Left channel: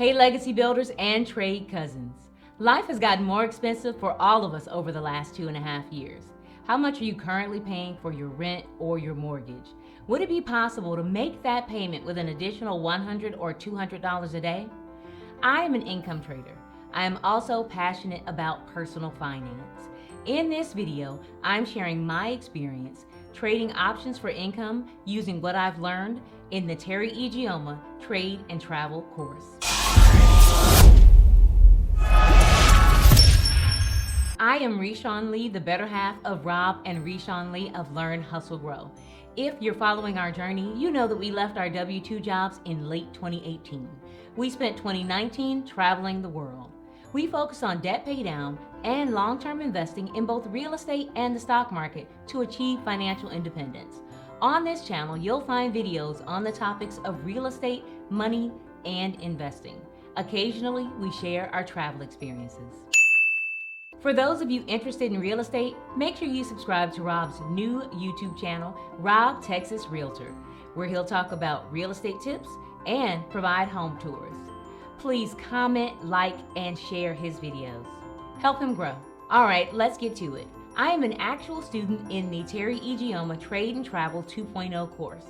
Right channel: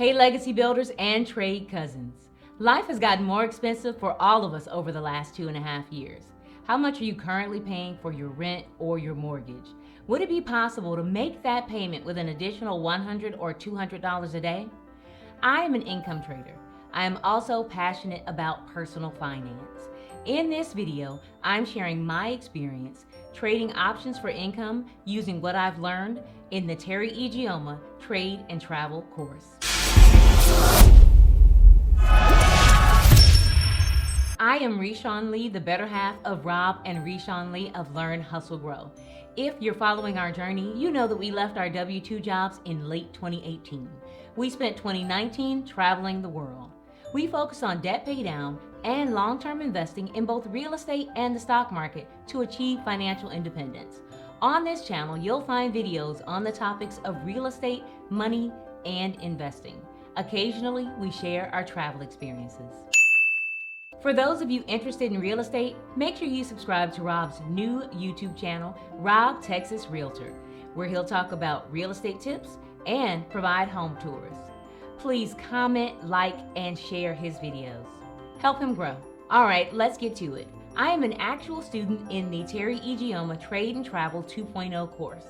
Hey, legacy builders and trade cousins. Life has gotten more expensive for all of us over the last 2.5 years. How much are you currently paying for your rent or your mortgage? Would it be possible to make that payment with an additional $100 or $200 a day? I am an income trader. I am also passionate about personal finance. In this video, I'm sharing my experience trading options for income using what I've learned in the Teri Ijeoma Trade and Travel course. I am Reshawn Lee, the better half of Rob and Reshawn Lee of Learn, Hustle, Grow. If you're following our journey, you know that we left our W-2 jobs in late 2018. We spent 2019 traveling the world. We focused on debt paydown and long-term investing in both real estate and the stock market to achieve financial independence. On this channel, you'll find videos on the topics of real estate, money, and investing. Occasionally, we share our travel experiences. For those of you interested in real estate, make sure you subscribe to Rob's new YouTube channel, Rob Texas Realtor, where he'll talk about real estate tips and provide home tours. Please comment, like, and share his videos. Help him grow. All right, let's get to it. I am an actual student in the Teri Ijeoma Trade and Travel 2.0 course,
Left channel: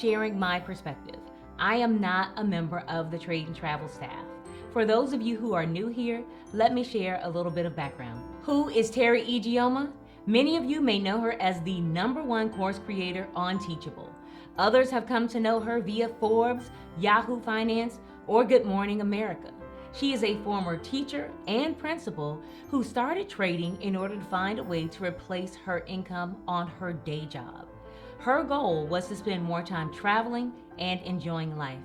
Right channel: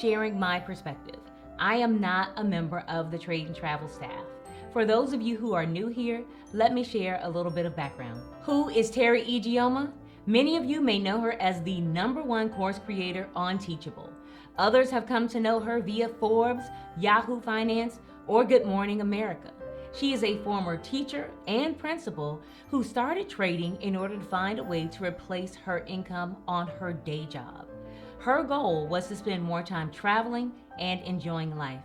sharing my perspective. I am not a member of the Trade and Travel staff. For those of you who are new here, let me share a little bit of background. Who is Teri Ijeoma? Many of you may know her as the #1 course creator on Teachable. Others have come to know her via Forbes, Yahoo Finance, or Good Morning America. She is a former teacher and principal who started trading in order to find a way to replace her income on her day job. Her goal was to spend more time traveling and enjoying life.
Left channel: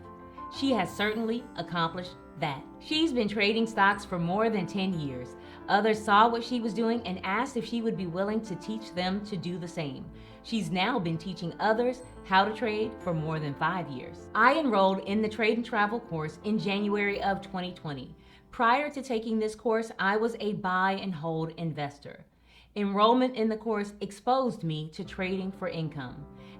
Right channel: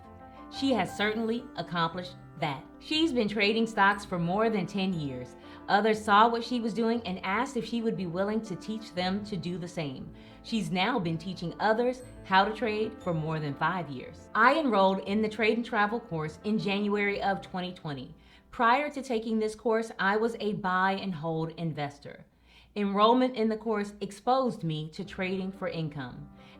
She has certainly accomplished that. She's been trading stocks for more than 10 years. Others saw what she was doing and asked if she would be willing to teach them to do the same. She's now been teaching others how to trade for more than 5 years. I enrolled in the Trade and Travel course in January of 2020. Prior to taking this course, I was a buy and hold investor. Enrollment in the course exposed me to trading for income.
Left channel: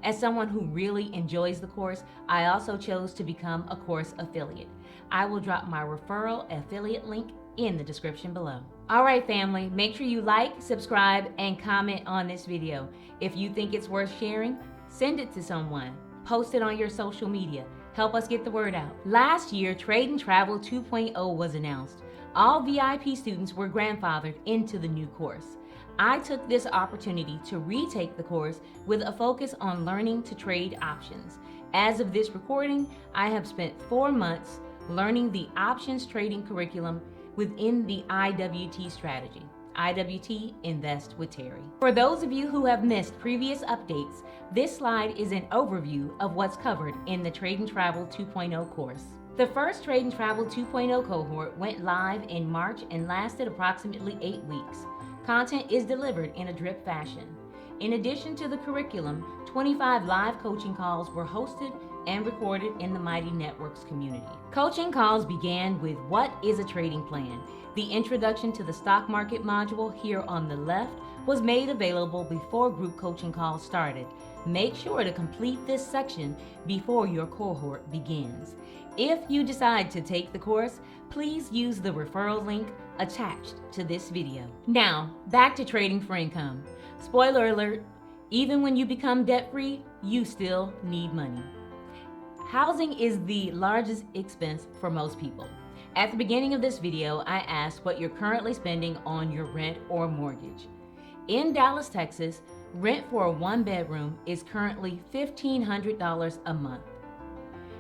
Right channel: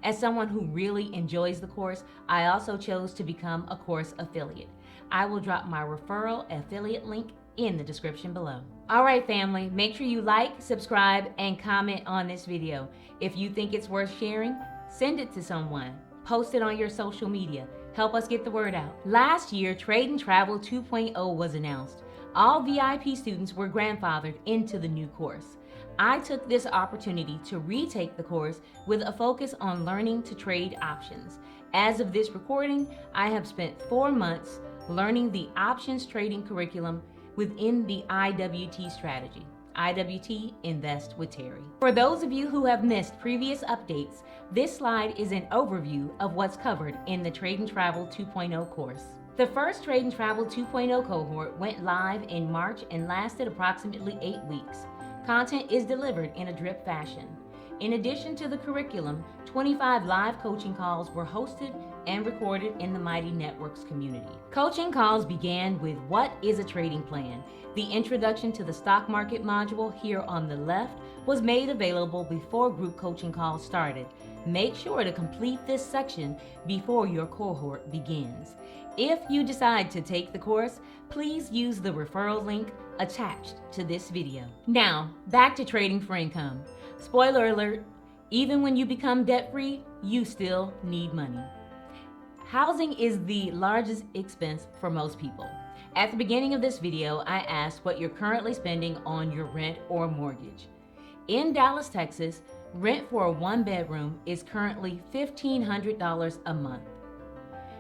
As someone who really enjoys the course, I also chose to become a course affiliate. I will drop my referral affiliate link in the description below. All right, family, make sure you like, subscribe, and comment on this video. If you think it's worth sharing, send it to someone. Post it on your social media. Help us get the word out. Last year, Trade and Travel 2.0 was announced. All VIP students were grandfathered into the new course. I took this opportunity to retake the course with a focus on learning to trade options. As of this recording, I have spent 4 months learning the options trading curriculum within the IWT strategy. IWT, Invest with Teri. For those of you who have missed previous updates, this slide is an overview of what's covered in the Trade and Travel 2.0 course. The first Trade and Travel 2.0 cohort went live in March and lasted approximately 8 weeks. Content is delivered in a drip fashion. In addition to the curriculum, 25 live coaching calls were hosted and recorded in the Mighty Networks community. Coaching calls began with what is a trading plan. The introduction to the stock market module here on the left was made available before group coaching calls started. Make sure to complete this section before your cohort begins. If you decide to take the course, please use the referral link attached to this video. Now, back to trading for income. Spoiler alert, even when you become debt-free, you still need money. Housing is the largest expense for most people. At the beginning of this video, I asked what you're currently spending on your rent or mortgage. In Dallas, Texas, rent for a 1-bedroom is currently $1,500 a month.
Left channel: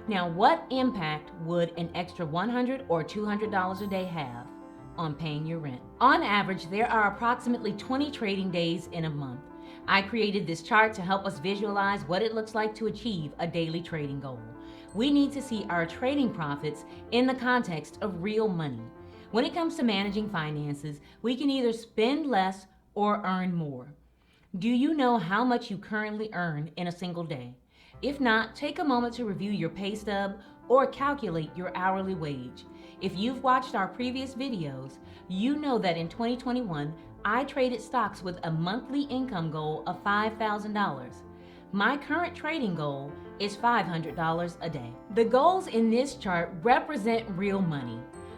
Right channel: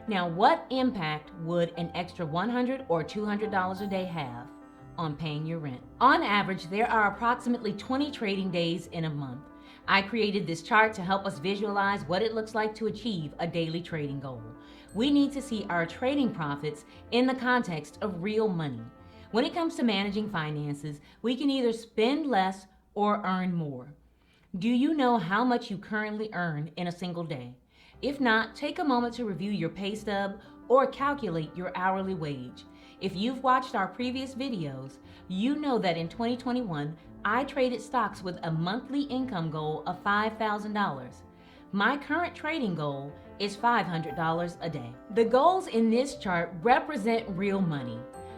Now, what impact would an extra $100 or $200 a day have on paying your rent? On average, there are approximately 20 trading days in a month. I created this chart to help us visualize what it looks like to achieve a daily trading goal. We need to see our trading profits in the context of real money. When it comes to managing finances, we can either spend less or earn more. Do you know how much you currently earn in a single day? If not, take a moment to review your pay stub or calculate your hourly wage. If you've watched our previous videos, you know that in 2021, I traded stocks with a monthly income goal of $5,000. My current trading goal is $500 a day. The goals in this chart represent real money.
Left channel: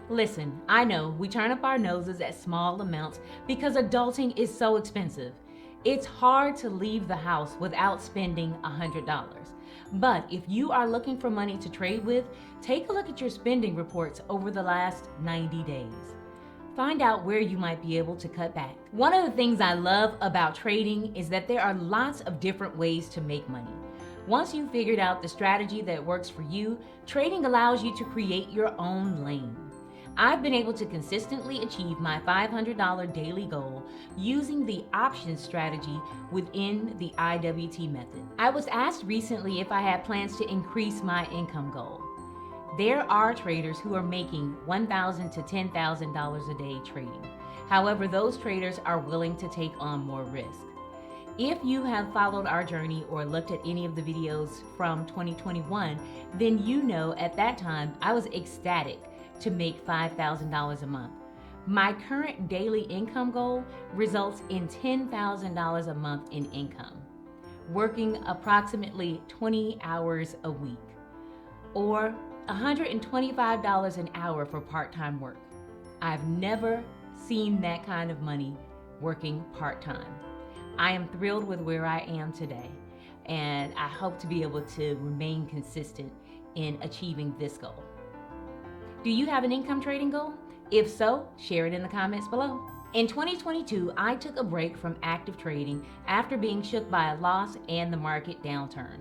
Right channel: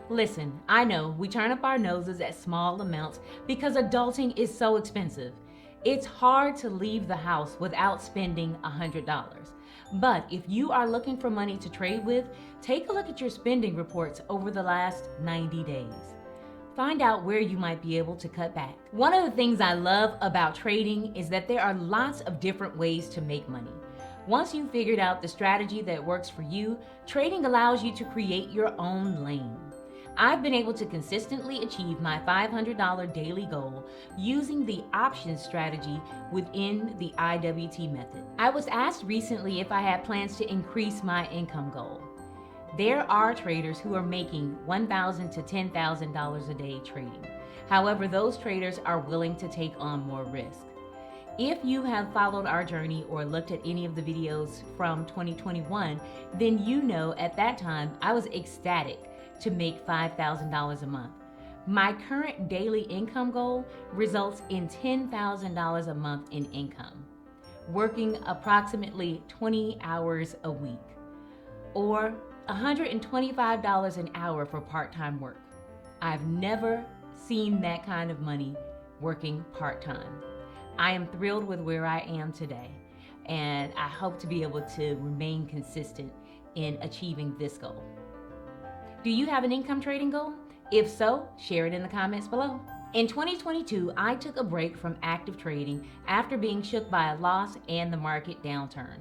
Listen, I know we turn up our noses at small amounts because adulting is so expensive. It's hard to leave the house without spending $100. But if you are looking for money to trade with, take a look at your spending reports over the last 90 days. Find out where you might be able to cut back. One of the things I love about trading is that there are lots of different ways to make money. Once you've figured out the strategy that works for you, trading allows you to create your own lane. I've been able to consistently achieve my $500 daily goal using the options strategy within the IWT method. I was asked recently if I had plans to increase my income goal. There are traders who are making $1,000 to $10,000 a day trading. However, those traders are willing to take on more risk. If you have followed our journey or looked at any of the videos from 2021, then you know at that time I was ecstatic to make $5,000 a month. My current daily income goal results in $10,000 a month in income, working approximately 20 hours a week, or $125 an hour for part-time work. I've never seen that kind of money working part-time. I am thrilled with where I am today, and I hope to be able to remain consistent in achieving this goal. Do you have an income trading goal? If so, share it in the comments below. In 2022, I took a break from active trading after being shook by a loss and the market downturn.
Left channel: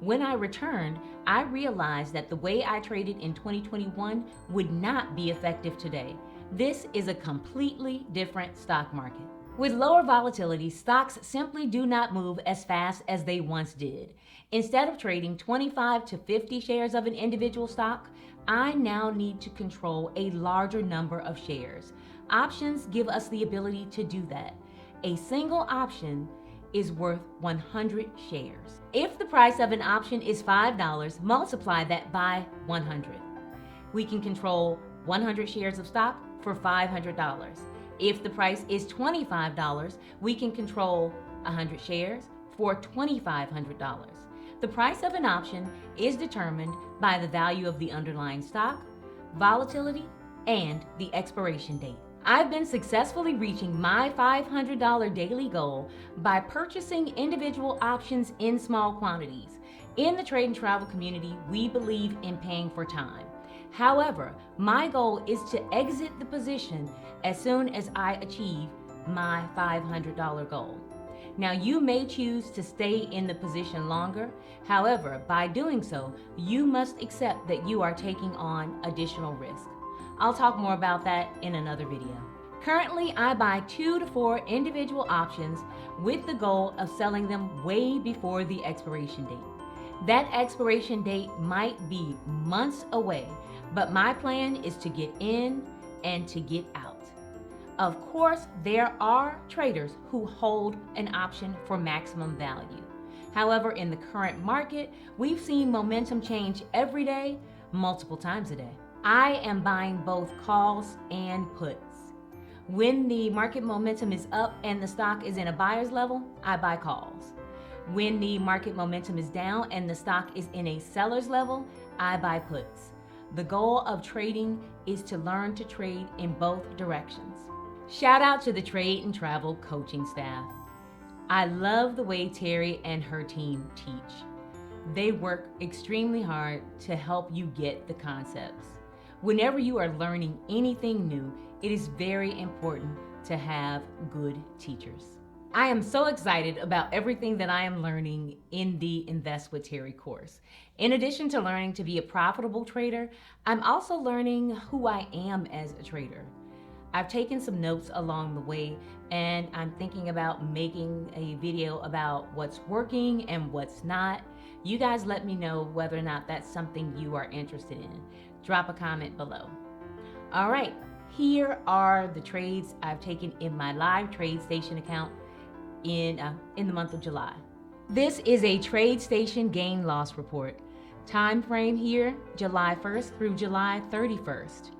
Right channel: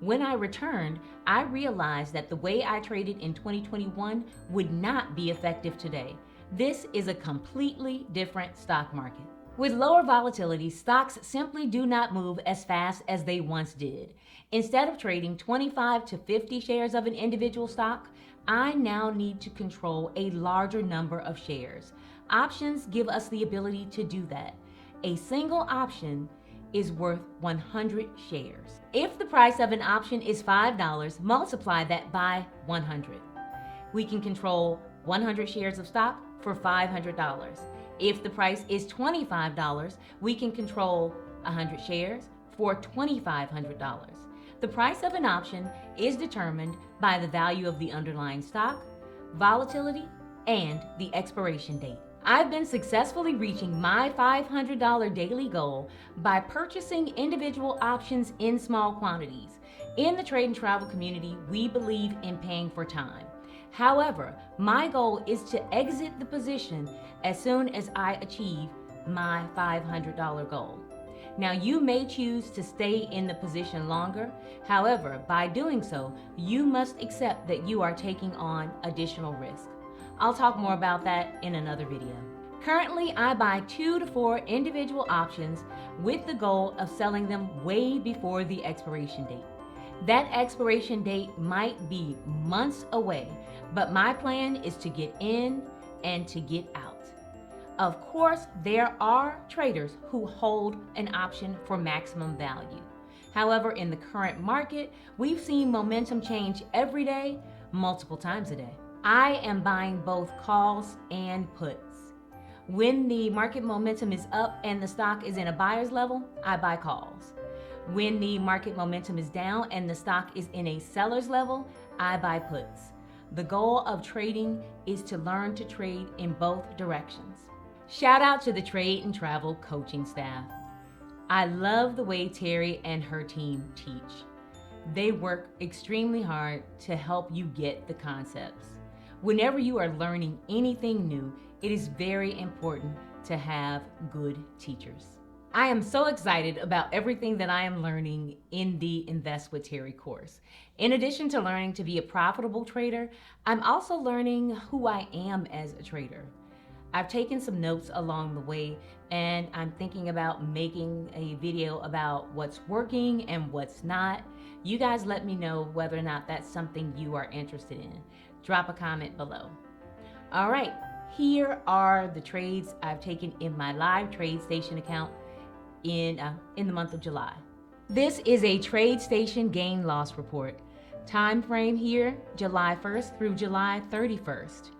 When I returned, I realized that the way I traded in 2021 would not be effective today. This is a completely different stock market. With lower volatility, stocks simply do not move as fast as they once did. Instead of trading 25 to 50 shares of an individual stock, I now need to control a larger number of shares. Options give us the ability to do that. A single option is worth 100 shares. If the price of an option is $5, multiply that by 100. We can control 100 shares of stock for $500. If the price is $25, we can control 100 shares for $2,500. The price of an option is determined by the value of the underlying stock, volatility, and the expiration date. I've been successfully reaching my $500 daily goal by purchasing individual options in small quantities. In the trade and travel community, we believe in paying for time. However, my goal is to exit the position as soon as I achieve my $500 goal. Now, you may choose to stay in the position longer. However, by doing so, you must accept that you are taking on additional risk. I'll talk more about that in another video. Currently, I buy 2 to 4 individual options with the goal of selling them way before the expiration date. That expiration date might be months away, but my plan is to get in and to get out. Of course, there are traders who hold an option for maximum value. However, in the current market, we've seen momentum change every day, multiple times a day. I am buying both calls and puts. When the market momentum is up and the stock is in a buyer's level, I buy calls. When the market momentum is down and the stock is in a seller's level, I buy puts. The goal of trading is to learn to trade in both directions. Shout out to the trade and travel coaching staff. I love the way Teri and her team teach. They work extremely hard to help you get the concepts. Whenever you are learning anything new, it is very important to have good teachers. I am so excited about everything that I am learning in the Invest with Teri course. In addition to learning to be a profitable trader, I'm also learning who I am as a trader. I've taken some notes along the way, and I'm thinking about making a video about what's working and what's not. You guys let me know whether or not that's something you are interested in. Drop a comment below. All right, here are the trades I've taken in my live TradeStation account in the month of July. This is a TradeStation gain loss report. Time frame here, July 1st through July 31st.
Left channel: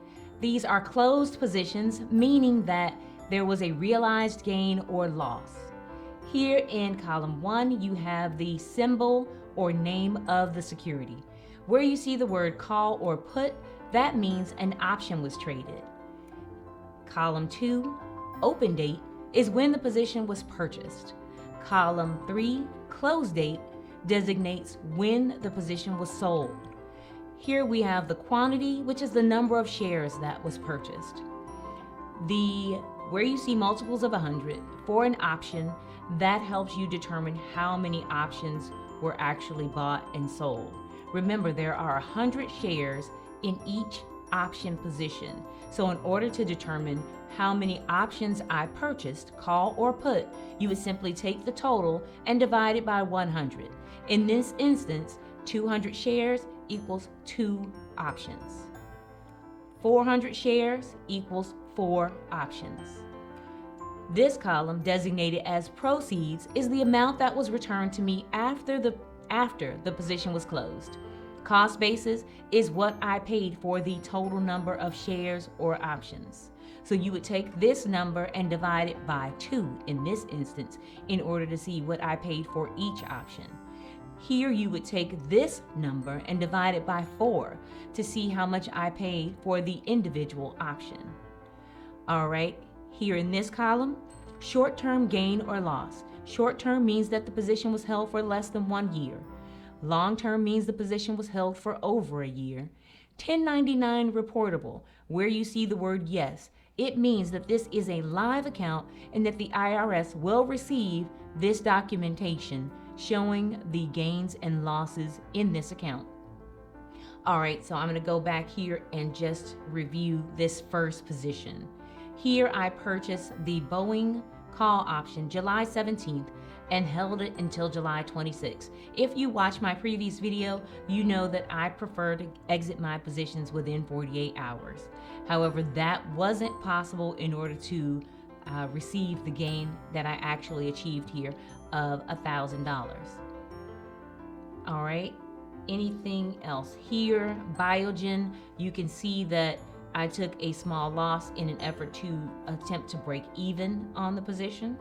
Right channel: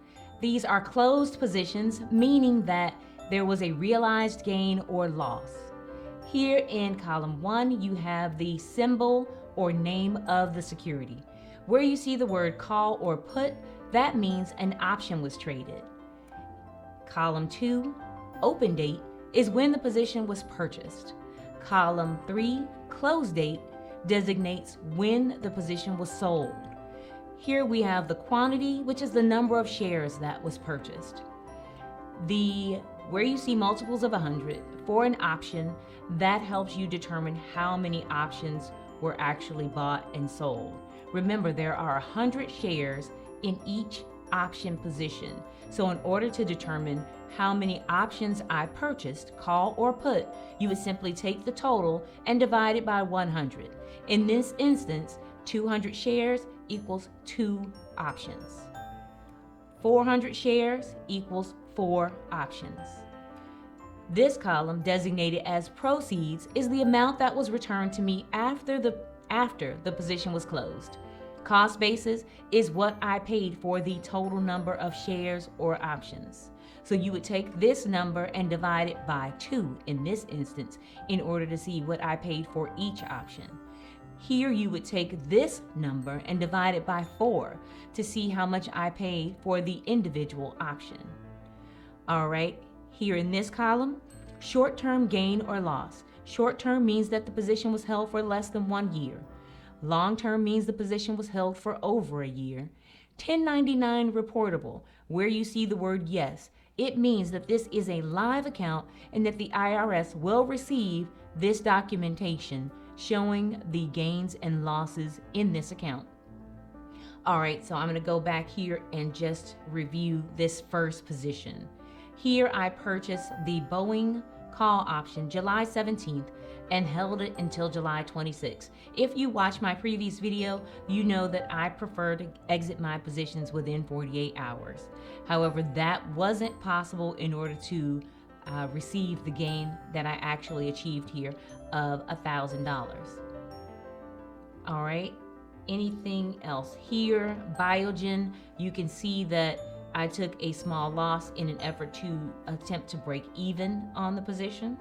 These are closed positions, meaning that there was a realized gain or loss. Here in column 1, you have the symbol or name of the security. Where you see the word call or put, that means an option was traded. Column 2, open date, is when the position was purchased. Column 3, close date, designates when the position was sold. Here we have the quantity, which is the number of shares that was purchased. Where you see multiples of 100 for an option, that helps you determine how many options were actually bought and sold. Remember, there are 100 shares in each option position. So in order to determine how many options I purchased, call or put, you would simply take the total and divide it by 100. In this instance, 200 shares equals 2 options. 400 shares equals 4 options. This column, designated as proceeds, is the amount that was returned to me after the position was closed. Cost basis is what I paid for the total number of shares or options. So you would take this number and divide it by 2 in this instance in order to see what I paid for each option. Here you would take this number and divide it by 4 to see how much I paid for the individual option. All right, here in this column, short-term gain or loss. Short-term means that the position was held for less than 1 year. Long-term means the position was held for over a year. 1099 reportable, where you see the word yes, it means that this is a live account and that the IRS will receive this documentation showing the gains and losses in this account. All right, so I'm going to go back here and just review this first position. Here I purchased the Boeing call option July 17th and held it until July 26th. If you watched my previous video, you know that I prefer to exit my positions within 48 hours. However, that wasn't possible in order to receive the gain that I actually achieved here of $1,000. All right, anything else here? Biogen, you can see that I took a small loss in an effort to attempt to break even on the position.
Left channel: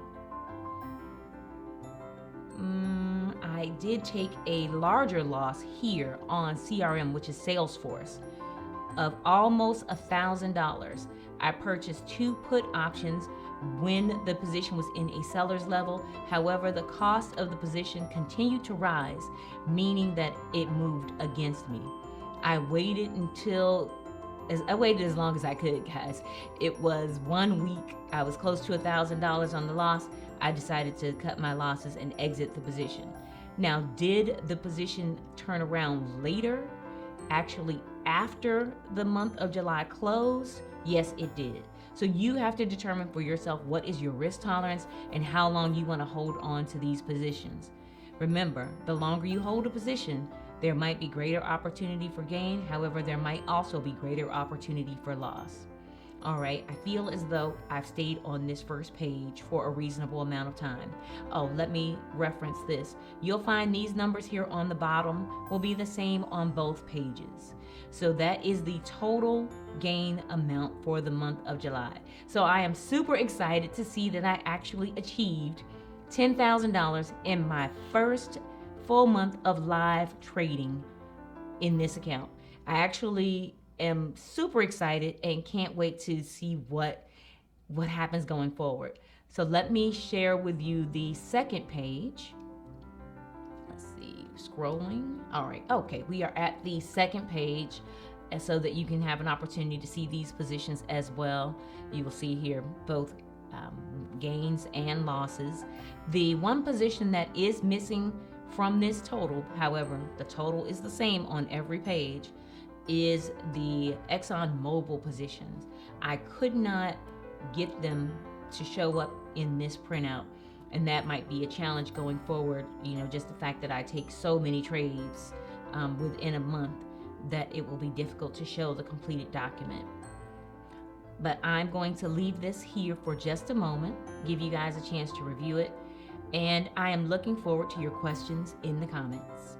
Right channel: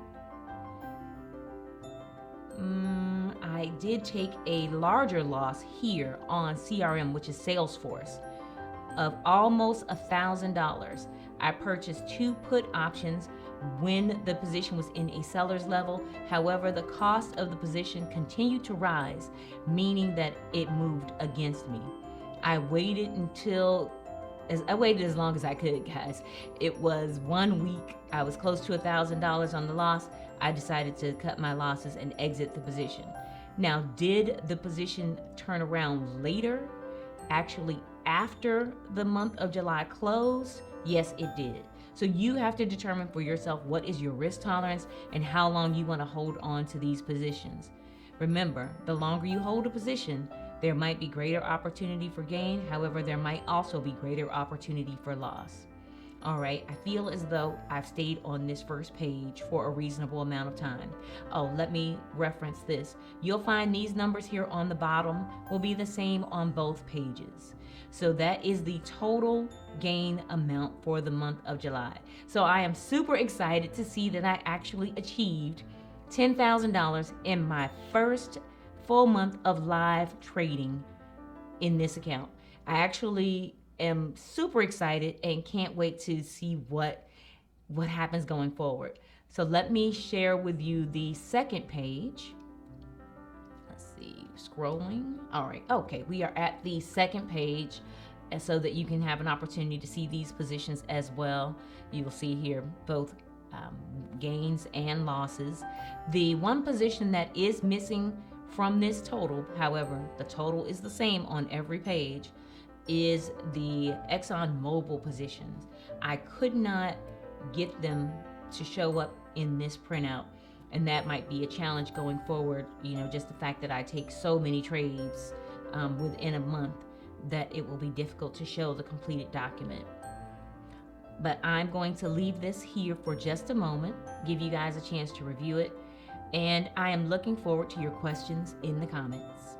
I did take a larger loss here on CRM, which is Salesforce, of almost $1,000. I purchased 2 put options when the position was in a seller's level. However, the cost of the position continued to rise, meaning that it moved against me. I waited as long as I could, guys. It was 1 week. I was close to $1,000 on the loss. I decided to cut my losses and exit the position. Now, did the position turn around later, actually after the month of July closed? Yes, it did. So you have to determine for yourself what is your risk tolerance and how long you want to hold on to these positions. Remember, the longer you hold a position, there might be greater opportunity for gain. However, there might also be greater opportunity for loss. All right, I feel as though I've stayed on this first page for a reasonable amount of time. Oh, let me reference this. You'll find these numbers here on the bottom will be the same on both pages. So that is the total gain amount for the month of July. So I am super excited to see that I actually achieved $10,000 in my first full month of live trading in this account. I actually am super excited and can't wait to see what happens going forward. So let me share with you the second page. Let's see, scrolling. All right, okay, we are at the second page so that you can have an opportunity to see these positions as well. You will see here both gains and losses. The one position that is missing from this total, however, the total is the same on every page, is the ExxonMobil positions. I could not get them to show up in this printout, and that might be a challenge going forward. Just the fact that I take so many trades within a month that it will be difficult to show the completed document. But I'm going to leave this here for just a moment, give you guys a chance to review it, and I am looking forward to your questions in the comments.